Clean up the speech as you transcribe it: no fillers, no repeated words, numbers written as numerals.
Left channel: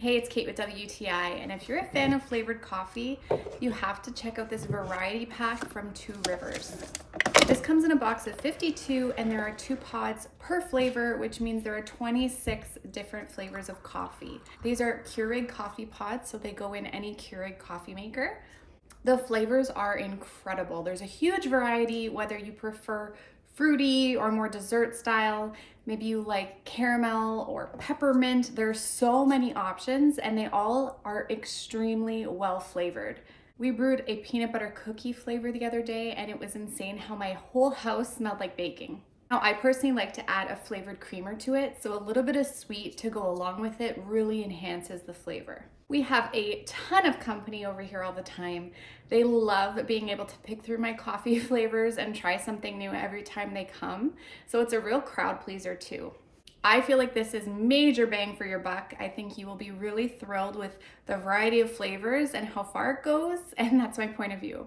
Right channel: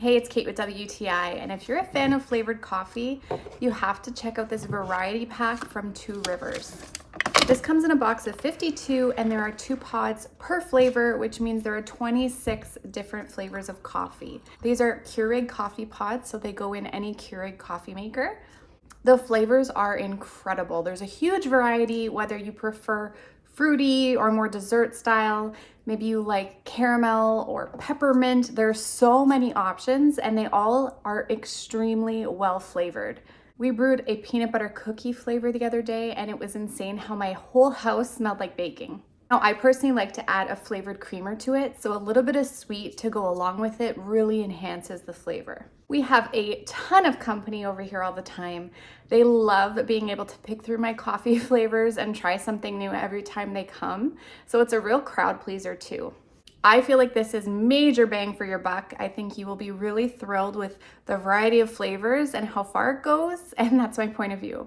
Hey, it's Kate with WTI, and if you're a fan of flavored coffee, you have to check out this variety pack from Two Rivers. This comes in a box of 52, and there are 2 pods per flavor, which means there are 26 different flavors of coffee. These are Keurig coffee pods, so they go in any Keurig coffee maker. The flavors are incredible. There's a huge variety, whether you prefer fruity or more dessert style. Maybe you like caramel or peppermint. There's so many options and they all are extremely well flavored. We brewed a peanut butter cookie flavor the other day and it was insane how my whole house smelled like baking. Now, I personally like to add a flavored creamer to it, so a little bit of sweet to go along with it really enhances the flavor. We have a ton of company over here all the time. They love being able to pick through my coffee flavors and try something new every time they come, so it's a real crowd pleaser too. I feel like this is major bang for your buck. I think you will be really thrilled with the variety of flavors and how far it goes, and that's my point of view.